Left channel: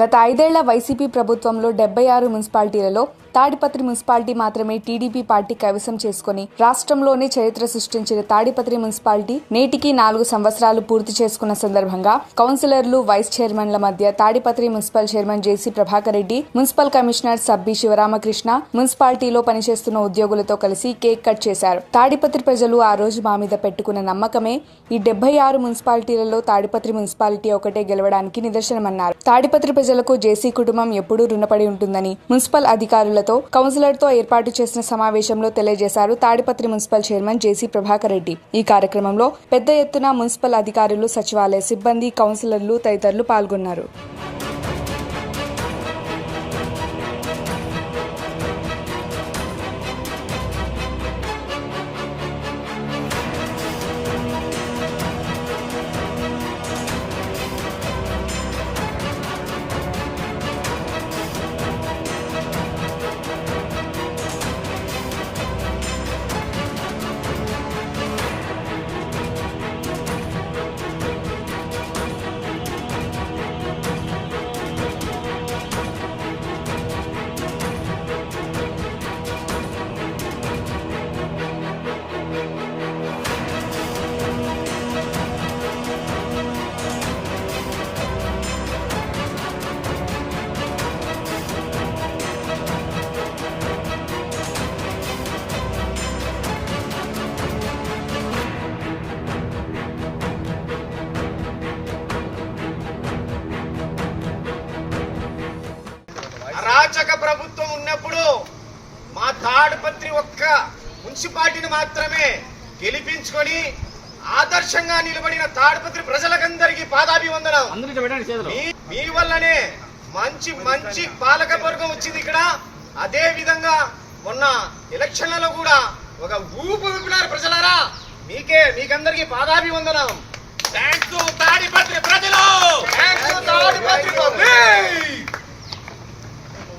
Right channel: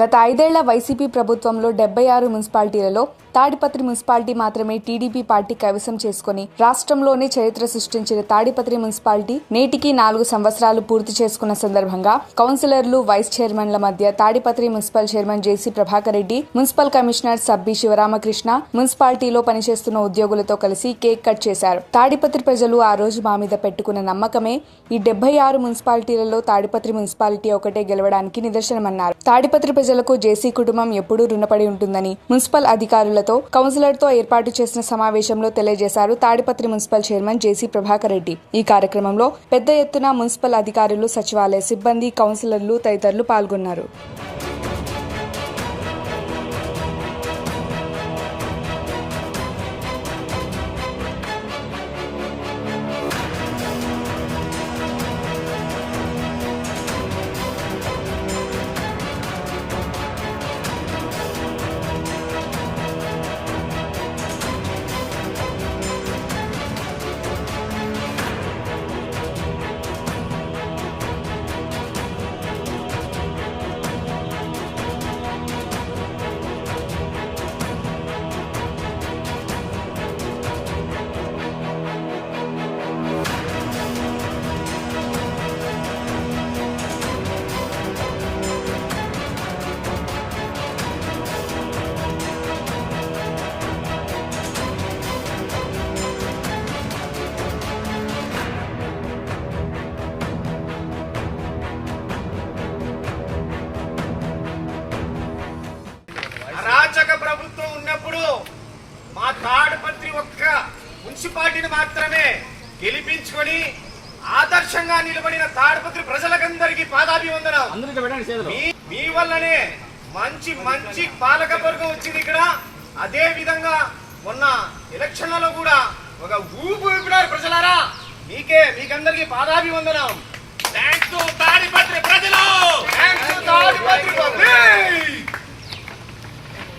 గత 5 ఏళ్ల వైసీపీ ప్రభుత్వంలో 76 మున్సిపాలిటీలలో తాడిపత్రి మున్సిపాలిటీ మాత్రమే టీడీపీ పార్టీ కైవసం చేసుకుని రాష్ట్రంలోనే చరిత్ర సృష్టించిన తాడిపత్రి మున్సిపాలిటీ నేటికి 4 సంవత్సరాలు పూర్తి చేసుకున్న సందర్భంగా కౌన్సిలర్లు, వైస్ చైర్మన్ల మధ్య తాడిపత్రి మున్సిపల్ చైర్మన్ జేసీ ప్రభాకర్ రెడ్డి, మున్సిపల్ కమిషనర్ సబ్బి శివరామకృష్ణ మున్సిపాలిటీలో పనిచేస్తున్న ఉద్యోగులతో కలిసి కేక్ కట్ చేశారు. తాడిపత్రి ప్రజలు ఆ రోజు మా మీద పెట్టుకున్న నమ్మకమే ఈ 76 మున్సిపాలిటీలలో తాడిపత్రి మున్సిపాలిటీ ఒకటే గెలవడానికి నిదర్శనమన్నారు. తాడిపత్రి ప్రజలకు జేసీ కుటుంబం ఎప్పుడూ రుణపడి ఉంటుందని మున్సిపల్ అధికారులతో, కౌన్సిలర్తో ఏర్పాటు చేసిన సమావేశంలో తెలియజేశారు తాడిపత్రి మున్సిపల్ చైర్మన్ జేసీ ప్రభాకర్ రెడ్డి. ఈ కార్యక్రమంలో పెద్ద ఎత్తున మున్సిపల్ అధికారులు, సచివాలయ సిబ్బంది, కౌన్సిలర్లు తదితరులు పాల్గొన్నారు. అరాచక ప్రభుత్వం ఉన్నప్పుడు మా తాడిపత్రి ఒక్క మున్సిపాలిటీని మాత్రమే గెలిపించుకొని ఆదర్శంగా నిలబడిన తాడిపత్రి ప్రజలకందరికీ పాదాభివందనం. మీ వల్లనే మంచి మంచి పాలకవర్గం వచ్చింది ఇక్కడ. అదే విధంగా మొన్న ఎలక్షన్లలో కూడా ఒక ఊపినారు ప్రజలారా. మీకందరికీ పాదాభివందనం. Thanks to